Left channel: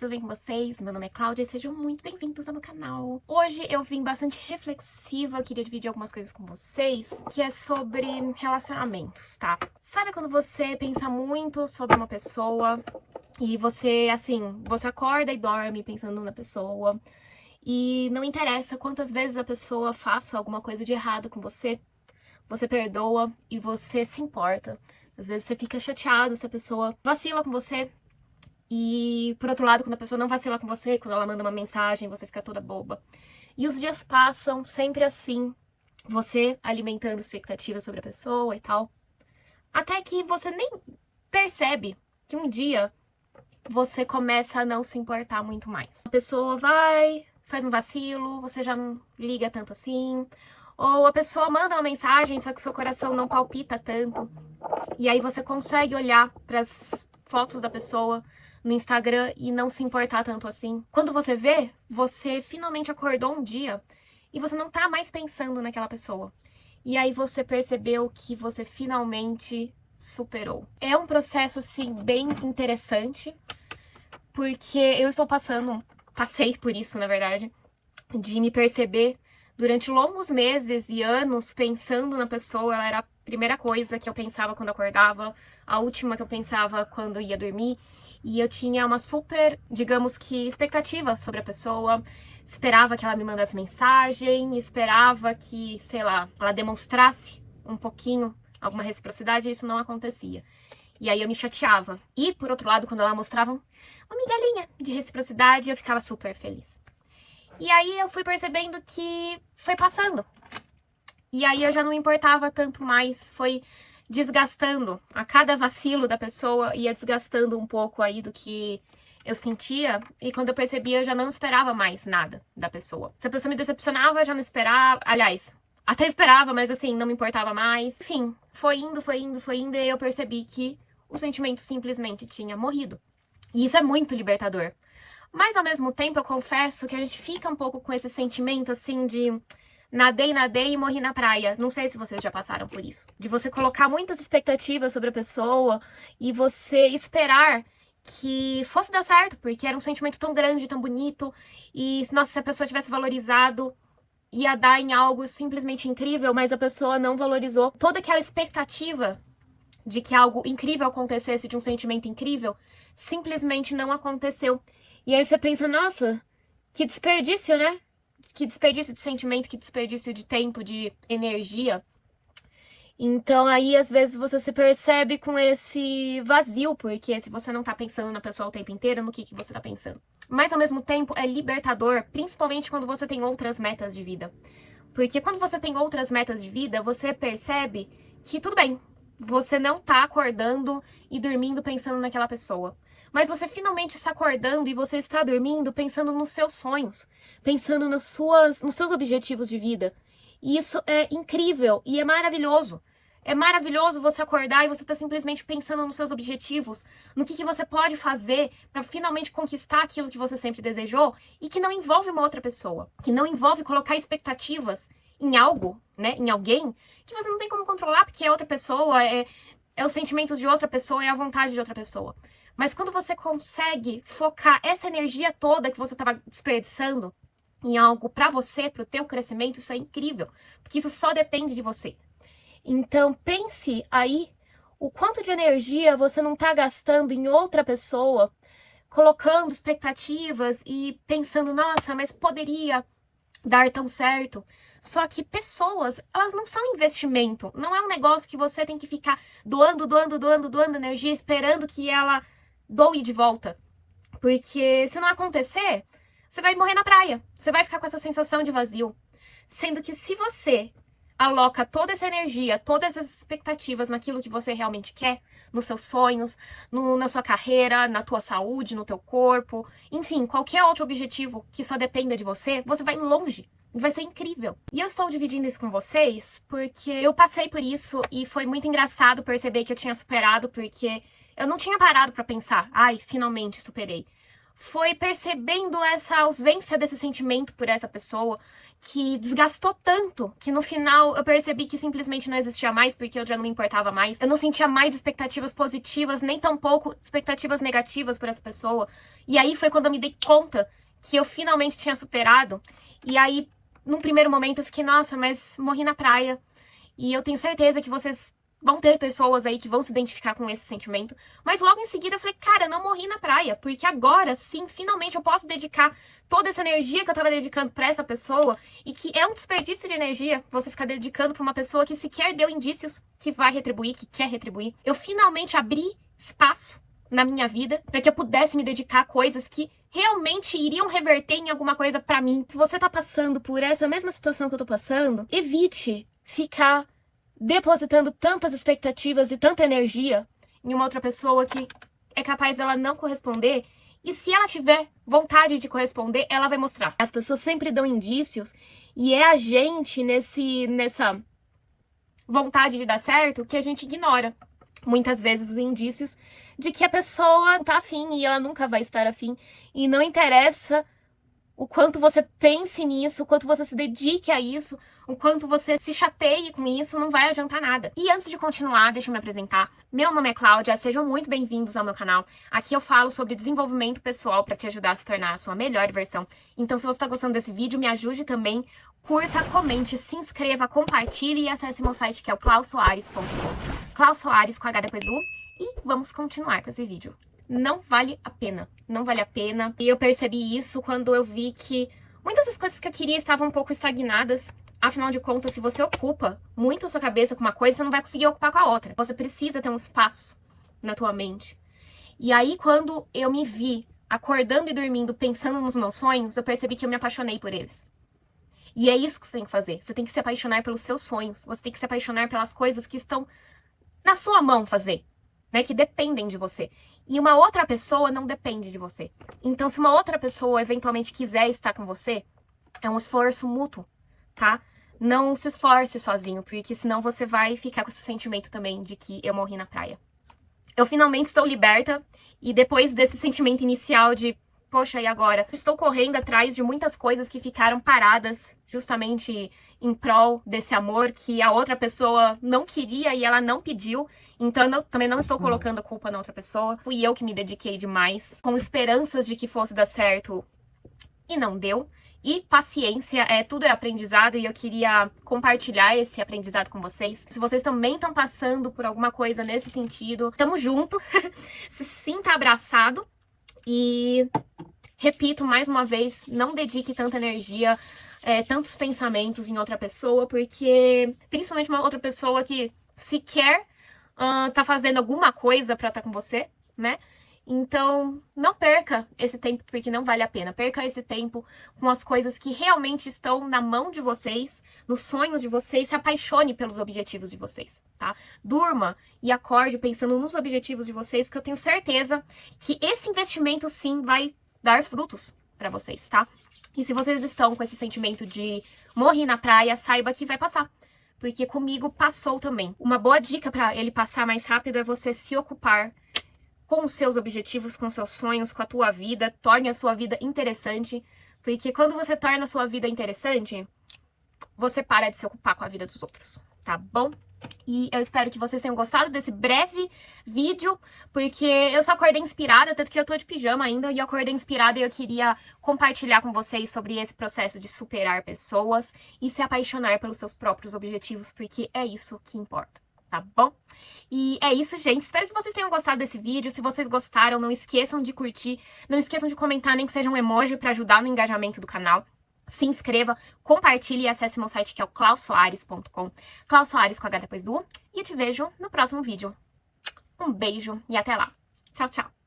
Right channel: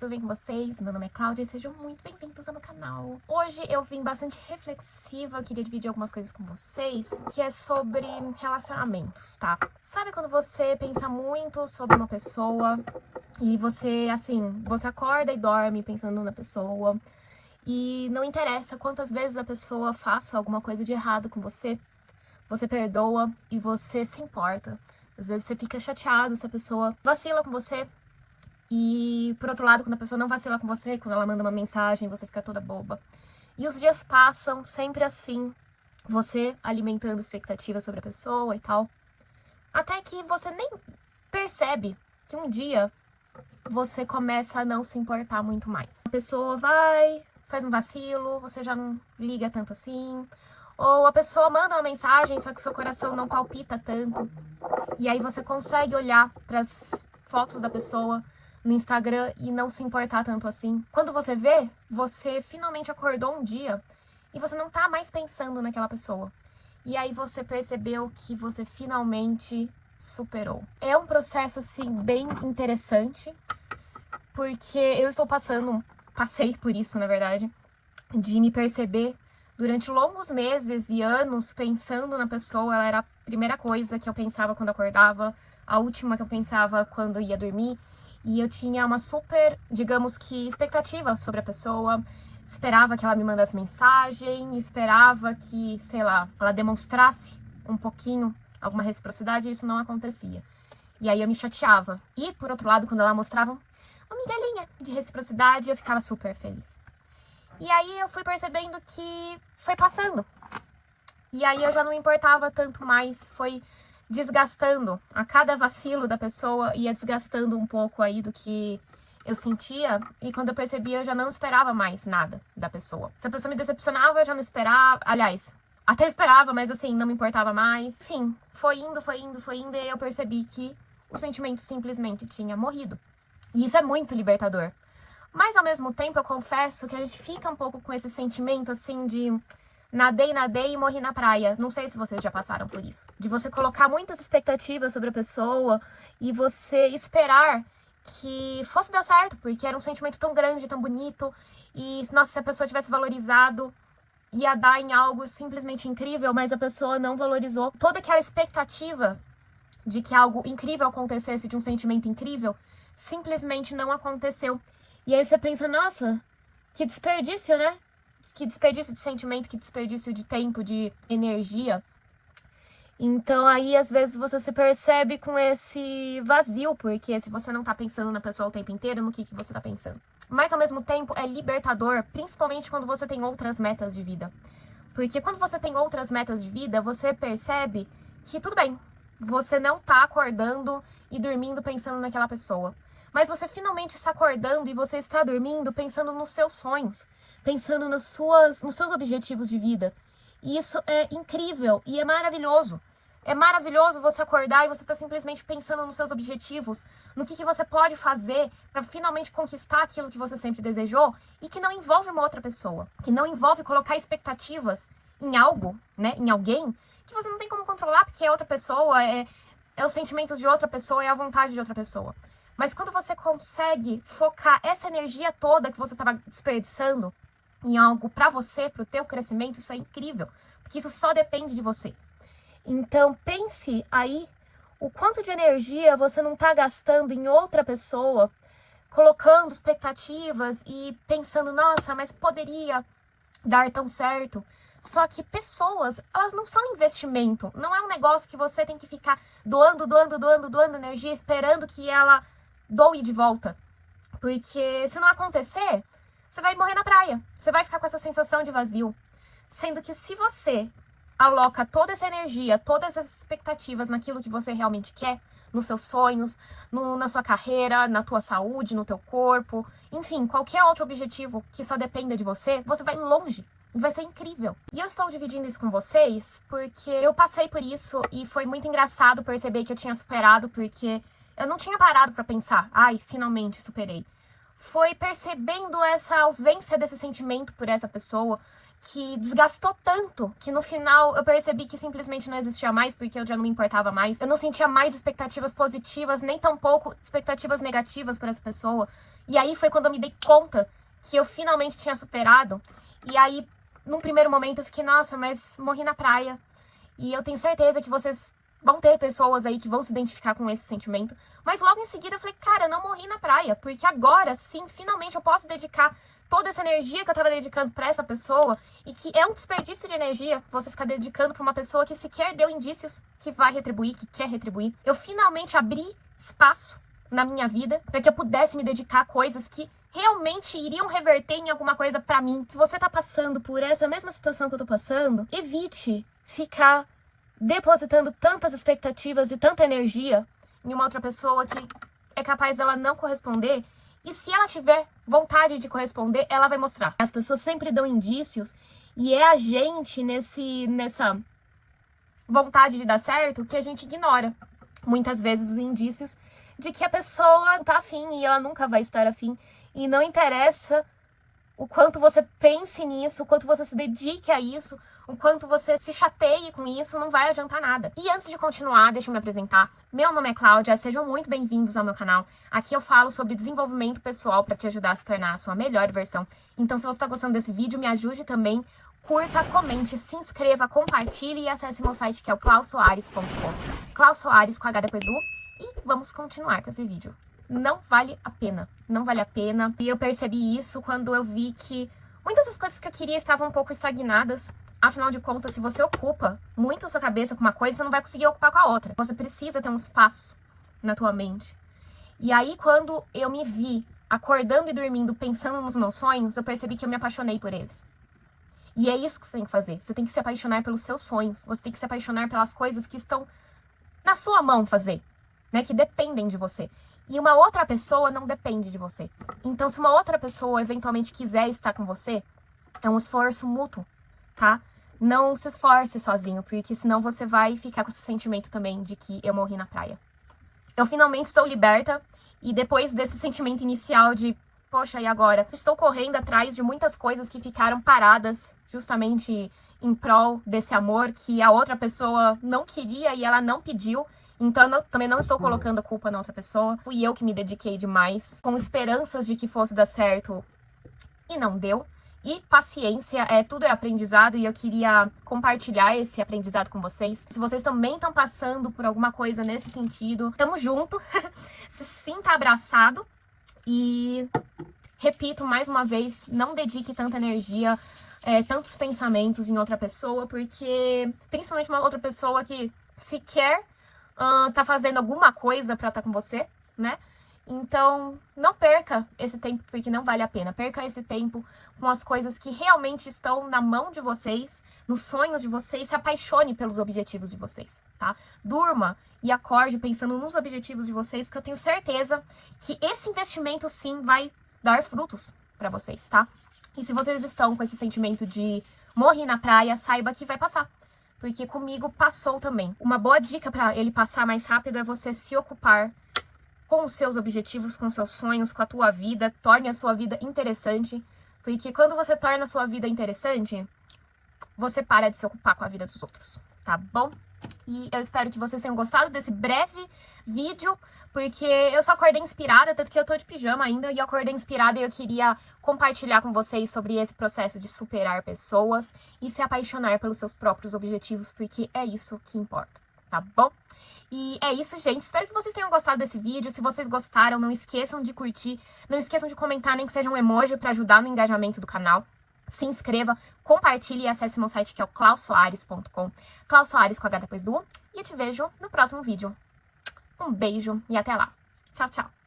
tudo bem com vocês? Meu nome é Cláudia e sejam muito bem-vindos ao meu canal. Hoje eu vim bastante reflexiva, queria dividir algumas coisas com vocês, que é sobre relacionamentos, tá? Sabe quando você pensa muito sobre uma pessoa e você, assim, você acorda e dorme pensando na pessoa e não interessa quantas vezes a pessoa faça alguma coisa de errado com você, você perdoa e você se importa. Às vezes você fica chateado se a pessoa vacila com você. E, por outro lado, quando a pessoa não vacila com você, quando ela manda uma mensagem, você fica toda boba. E os dias passam sempre assim, você alimentando expectativas sobre a pessoa e tal. Até que você nem percebe que um dia você começa a não se importar muito mais. A pessoa vai, faz um vacilo, você já não liga tanto assim. Ou a pessoa manda uma mensagem, só que seu coração não palpita tanto. E aí você consegue olhar para as fotos da pessoa no Instagram e não se importar tanto assim. Quando você vê, você finalmente acordou um dia e você não tá mais pensando naquela pessoa. E aí você percebeu que você finalmente superou. É um processo, assim, bem interessante, porque eu passei por isso, na verdade, de me perceber durante longos meses e anos pensando na pessoa. Ela era a primeira coisa que eu pensava quando acordava, a última que eu pensava quando ia dormir. E eu tinha uma super, digamos que, expectativa sobre a pessoa. Esperava que ela me mandasse mensagem, esperava que, sei lá, ela demonstrasse um pouquinho alguma reciprocidade, e isso não acontecia. E aí eu me chateava. E, por outro lado, quando ela mostrava uma migalhinha de reciprocidade, eu ficava super feliz. E aí eu fui percebendo que foi passando. E aí eu já não me importava tanto mais, foi desgastando. A cada vacilo da pessoa ia desgastando um pouco aí do que eu sentia. E quando eu percebia, eu já não esperava mais nada da pessoa. Se a pessoa me decepcionava, eu já não esperava. Aliás, até esperava, mas assim, não me importava mais. Enfim, foi indo, foi indo, foi indo. E eu percebi que o sentimento simplesmente tinha morrido. E isso é muito libertador. Mas ao mesmo tempo, eu confesso que a gente fica um pouco com esse sentimento assim de nadei e morri na praia. Não sei se vocês já passaram por isso. De você colocar muitas expectativas sobre a pessoa e você esperar que fosse dar certo, porque era um sentimento tão grande, tão bonito. E, nossa, se a pessoa tivesse valorizado, ia dar em algo simplesmente incrível, mas a pessoa não valorizou. Toda aquela expectativa de que algo incrível acontecesse, de um sentimento incrível, simplesmente não aconteceu. E aí você pensa, nossa, que desperdício, né? Que desperdício de sentimento, que desperdício de tempo, de energia. Então aí às vezes você se percebe com esse vazio, porque se você não tá pensando na pessoa o tempo inteiro, no que você tá pensando? Mas ao mesmo tempo é libertador, principalmente quando você tem outras metas de vida. Porque quando você tem outras metas de vida, você percebe que tudo bem, você não tá acordando e dormindo pensando naquela pessoa. Mas você finalmente está acordando e você está dormindo pensando nos seus sonhos, pensando nos seus objetivos de vida. E isso é incrível e é maravilhoso. É maravilhoso você acordar e você tá simplesmente pensando nos seus objetivos, no que você pode fazer para finalmente conquistar aquilo que você sempre desejou e que não envolve uma outra pessoa, que não envolve colocar expectativas em algo, né, em alguém, que você não tem como controlar porque é outra pessoa, é os sentimentos de outra pessoa, é a vontade de outra pessoa. Mas quando você consegue focar essa energia toda que você estava desperdiçando em algo para você, para o teu crescimento, isso é incrível, porque isso só depende de você. Então pense aí o quanto de energia você não está gastando em outra pessoa, colocando expectativas e pensando, nossa, mas poderia dar tão certo. Só que pessoas, elas não são investimento, não é um negócio que você tem que ficar doando energia, esperando que ela doe de volta. Porque se não acontecer, você vai morrer na praia. Você vai ficar com essa sensação de vazio. Sendo que se você aloca toda essa energia, todas as expectativas naquilo que você realmente quer, nos seus sonhos, na sua carreira, na tua saúde, no teu corpo, enfim, qualquer outro objetivo que só dependa de você, você vai longe. Vai ser incrível. E eu estou dividindo isso com vocês porque eu passei por isso e foi muito engraçado perceber que eu tinha superado, porque eu não tinha parado pra pensar, ai, finalmente superei. Foi percebendo essa ausência desse sentimento por essa pessoa que desgastou tanto, que no final eu percebi que simplesmente não existia mais, porque eu já não me importava mais. Eu não sentia mais expectativas positivas, nem tampouco expectativas negativas por essa pessoa. E aí foi quando eu me dei conta que eu finalmente tinha superado. E aí, num primeiro momento, eu fiquei, nossa, mas morri na praia. E eu tenho certeza que vocês vão ter pessoas aí que vão se identificar com esse sentimento. Mas logo em seguida eu falei, cara, eu não morri na praia, porque agora sim, finalmente eu posso dedicar toda essa energia que eu tava dedicando pra essa pessoa, e que é um desperdício de energia você ficar dedicando pra uma pessoa que sequer deu indícios que vai retribuir, que quer retribuir. Eu finalmente abri espaço na minha vida para que eu pudesse me dedicar a coisas que realmente iriam reverter em alguma coisa pra mim. Se você tá passando por essa mesma situação que eu tô passando, evite ficar depositando tantas expectativas e tanta energia em uma outra pessoa que é capaz dela não corresponder. E se ela tiver vontade de corresponder, ela vai mostrar. As pessoas sempre dão indícios, e é a gente nessa vontade de dar certo que a gente ignora muitas vezes os indícios de que a pessoa tá afim e ela nunca vai estar afim. E não interessa o quanto você pense nisso, o quanto você se dedique a isso, o quanto você se chateie com isso, não vai adiantar nada. E antes de continuar, deixa eu me apresentar. Meu nome é Cláudia, sejam muito bem-vindos ao meu canal. Aqui eu falo sobre desenvolvimento pessoal para te ajudar a se tornar a sua melhor versão. Então, se você está gostando desse vídeo, me ajude também. Curta, comente, se inscreva, compartilhe e acesse meu site que é o clausoares.com. Klaus Soares com H depois U. E vamos continuar com esse vídeo. Não vale a pena. Não vale a pena. E eu percebi isso quando eu vi que muitas das coisas que eu queria estavam um pouco estagnadas. Afinal de contas, se você ocupa muito a sua cabeça com uma coisa, você não vai conseguir ocupar com a outra. Você precisa ter um espaço na tua mente. E aí, quando eu me vi acordando e dormindo, pensando nos meus sonhos, eu percebi que eu me apaixonei por eles. E é isso que você tem que fazer. Você tem que se apaixonar pelos seus sonhos. Você tem que se apaixonar pelas coisas que estão na sua mão fazer, né? Que dependem de você. E uma outra pessoa não depende de você. Então, se uma outra pessoa eventualmente quiser estar com você, é um esforço mútuo, tá? Não se esforce sozinho, porque senão você vai ficar com esse sentimento também de que eu morri na praia. Eu finalmente estou liberta, e depois desse sentimento inicial de, poxa, e agora? Estou correndo atrás de muitas coisas que ficaram paradas justamente em prol desse amor que a outra pessoa não queria e ela não pediu. Então, eu também não estou colocando a culpa na outra pessoa. Fui eu que me dediquei demais, com esperanças de que fosse dar certo, e não deu. E paciência, tudo é aprendizado, e eu queria compartilhar esse aprendizado com vocês. Se vocês também estão passando por alguma coisa nesse sentido, tamo junto. Se sinta abraçado. E repito mais uma vez, não dedique tanta energia, tantos pensamentos em outra pessoa, porque principalmente uma outra pessoa que sequer tá fazendo alguma coisa pra estar com você, né? Então, não perca esse tempo, porque não vale a pena. Perca esse tempo com as coisas que realmente estão na mão de vocês, nos sonhos de vocês. Se apaixone pelos objetivos de vocês, tá? Durma e acorde pensando nos objetivos de vocês, porque eu tenho certeza que esse investimento, sim, vai dar frutos pra vocês, tá? E se vocês estão com esse sentimento de morrer na praia, saiba que vai passar. Porque comigo passou também. Uma boa dica pra ele passar mais rápido é você se ocupar com os seus objetivos, com os seus sonhos, com a tua vida. Torne a sua vida interessante, porque quando você torna a sua vida interessante, você para de se ocupar com a vida dos outros, tá bom? E eu espero que vocês tenham gostado desse breve vídeo, porque eu só acordei inspirada, tanto que eu tô de pijama ainda, e eu acordei inspirada e eu queria compartilhar com vocês sobre esse processo de superar pessoas e se apaixonar pelos seus próprios objetivos, porque é isso que importa, tá bom? E é isso, gente. Espero que vocês tenham gostado desse vídeo. Se vocês gostaram, não esqueçam de curtir, não esqueçam de comentar, nem que seja um emoji para ajudar no engajamento do canal. Se inscreva, compartilhe e acesse meu site que é o clausoares.com. Klaus Soares com H depois do U. E eu te vejo no próximo vídeo. Um beijo e até lá. Tchau, tchau.